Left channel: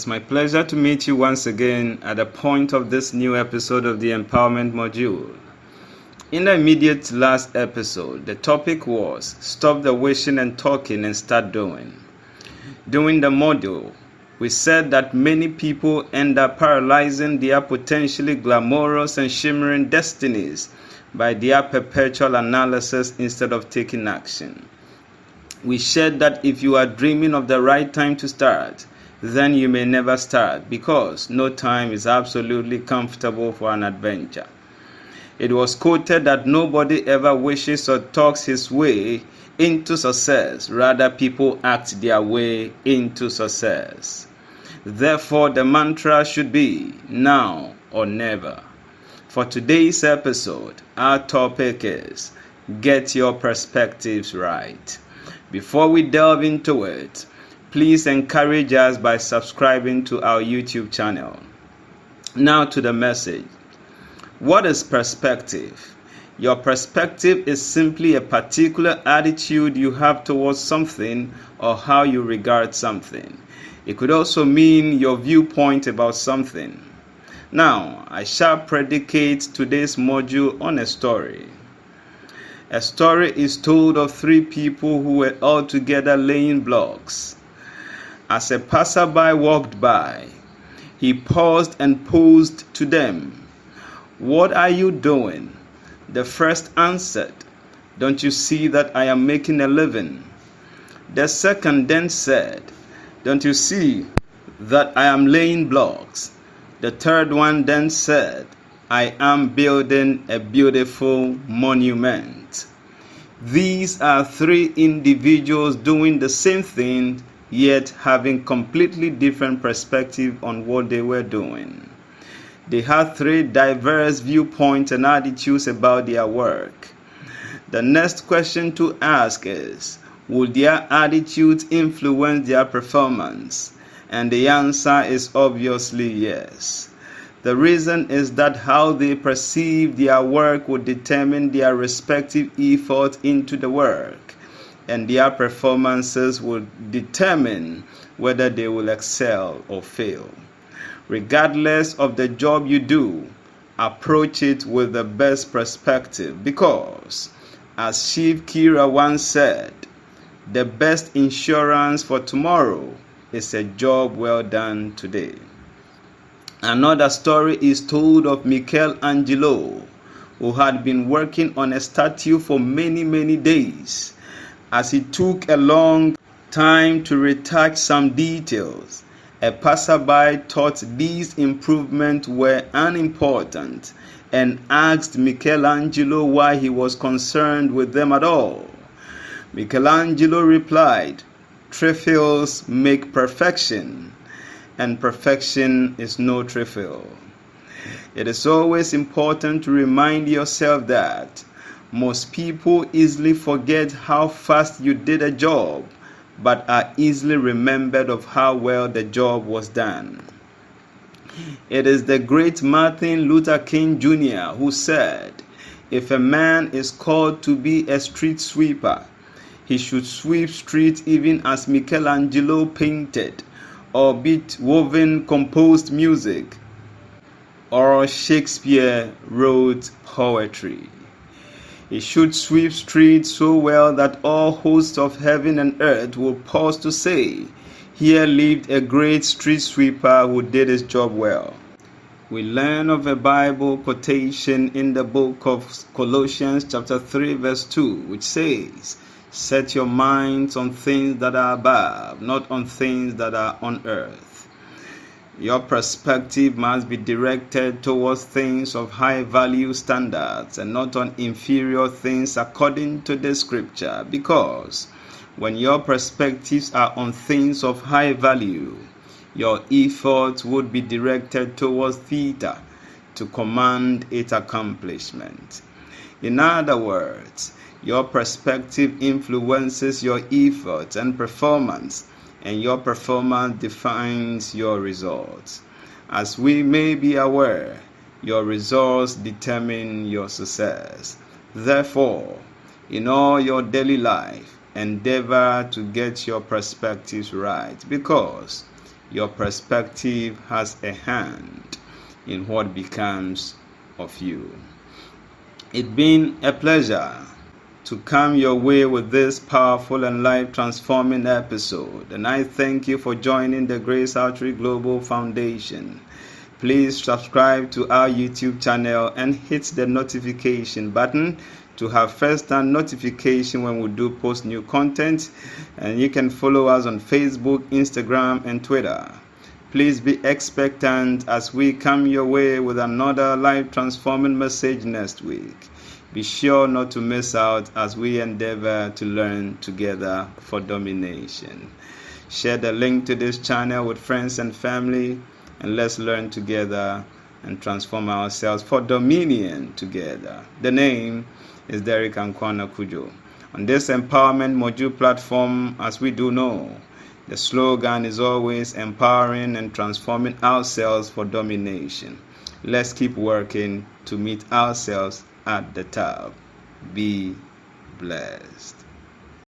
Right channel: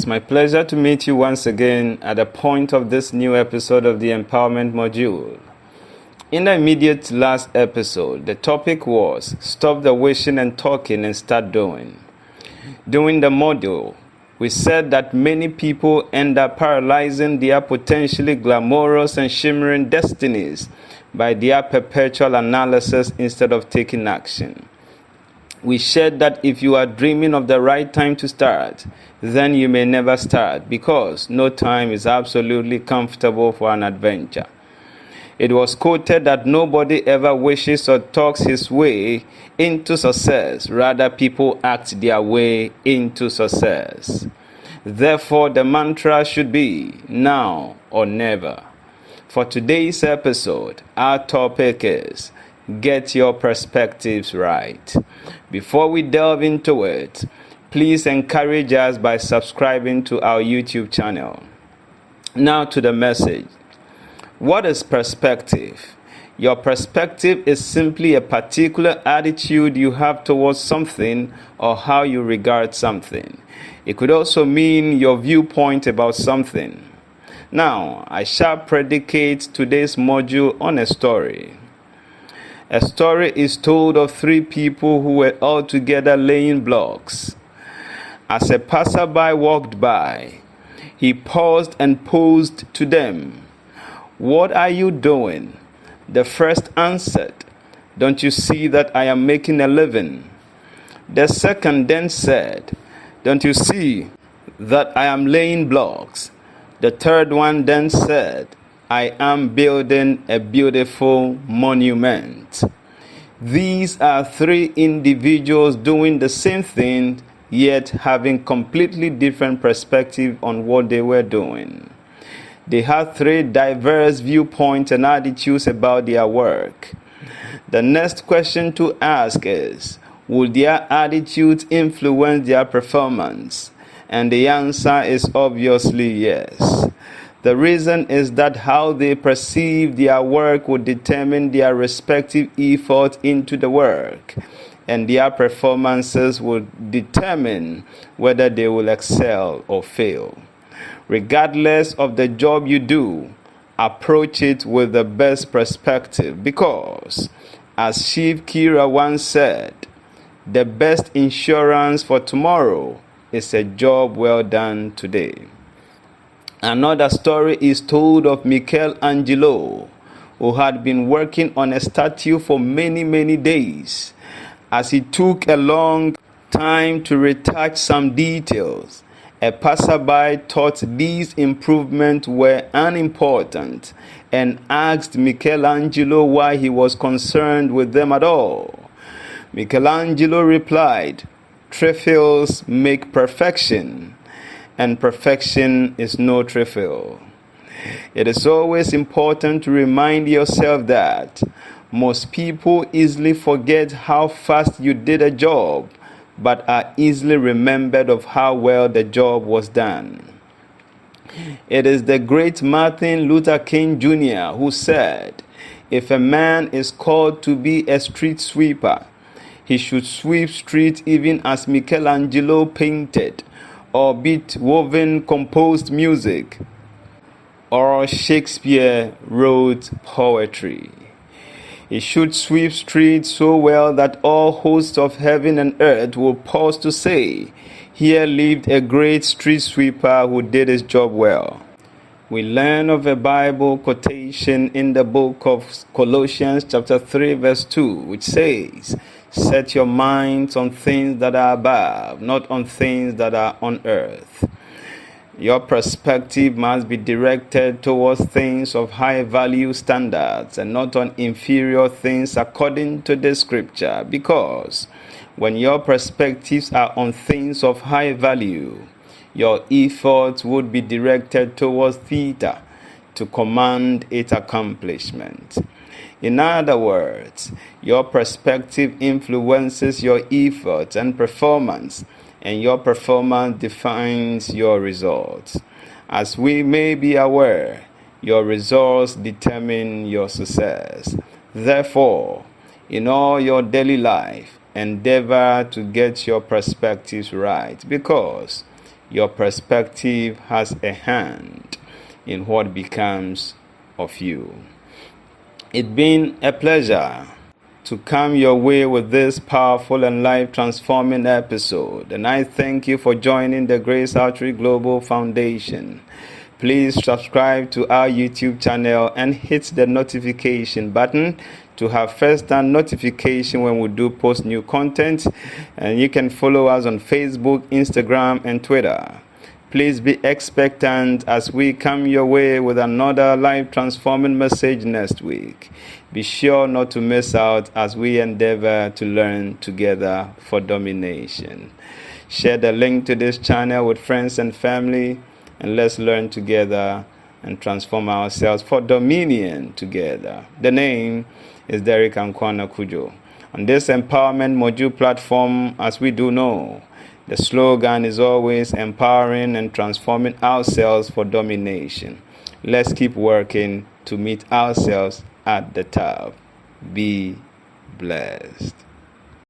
It's my pleasure to meet you once again at the point of this new episode of the Empowerment Module. In the immediate last episode, the topic was Stop the Wishing and Talking and Start Doing. During the module, we said that many people end up paralyzing their potentially glamorous and shimmering destinies by their perpetual analysis instead of taking action. We shared that if you are dreaming of the right time to start, then you may never start because no time is absolutely comfortable for an adventure. It was quoted that nobody ever wishes or talks his way into success. Rather, people act their way into success. Therefore, the mantra should be now or never. For today's episode, our topic is Get Your Perspectives Right. Before we delve into it, please encourage us by subscribing to our YouTube channel. Now to the message. What is perspective? Your perspective is simply a particular attitude you have towards something or how you regard something. It could also mean your viewpoint about something. Now, I shall predicate today's module on a story. A story is told of three people who were all together laying blocks. As a passerby walked by, he paused and posed to them, "What are you doing?" The first answered, "Don't you see that I am making a living?" The second then said, "Don't you see that I am laying blocks?" The third one then said, "I am building a beautiful monument." These are three individuals doing the same thing, yet having completely different perspective on what they were doing. They had three diverse viewpoints and attitudes about their work. The next question to ask is, will their attitudes influence their performance? And the answer is obviously yes. The reason is that how they perceive their work will determine their respective effort into the work, and their performances will determine whether they will excel or fail. Regardless of the job you do, approach it with the best perspective because, as Chief Kira once said, the best insurance for tomorrow is a job well done today. Another story is told of Michelangelo, who had been working on a statue for many days. As he took a long time to retouch some details, a passerby thought these improvements were unimportant and asked Michelangelo why he was concerned with them at all. Michelangelo replied, "Trifles make perfection, and perfection is no trifle." It is always important to remind yourself that most people easily forget how fast you did a job, but are easily remembered of how well the job was done. It is the great Martin Luther King Jr. who said, "If a man is called to be a street sweeper, he should sweep streets even as Michelangelo painted, or Beethoven composed music, or Shakespeare wrote poetry. He should sweep streets so well that all hosts of heaven and earth will pause to say, 'Here lived a great street sweeper who did his job well.'" We learn of a Bible quotation in the book of Colossians chapter 3 verse 2, which says, "Set your minds on things that are above, not on things that are on earth." Your perspective must be directed towards things of high value standards and not on inferior things according to the scripture, because when your perspectives are on things of high value, your efforts would be directed towards theta to command its accomplishment. In other words, your perspective influences your efforts and performance, and your performance defines your results. As we may be aware, your results determine your success. Therefore, in all your daily life, endeavor to get your perspectives right, because Your perspective has a hand in what becomes of you. It's been a pleasure to come your way with this powerful and life-transforming episode, and I thank you for joining the Grace Outreach Global Foundation. Please subscribe to our YouTube channel and hit the notification button to have first-hand notification when we do post new content. And you can follow us on Facebook, Instagram, and Twitter. Please be expectant as we come your way with another life-transforming message next week. Be sure not to miss out as we endeavor to learn together for domination. Share the link to this channel with friends and family, and let's learn together and transform ourselves for dominion together. The name is Derek Ankwana Kujo. On this empowerment module platform, as we do know, the slogan is always empowering and transforming ourselves for domination. Let's keep working to meet ourselves at the top. Be blessed.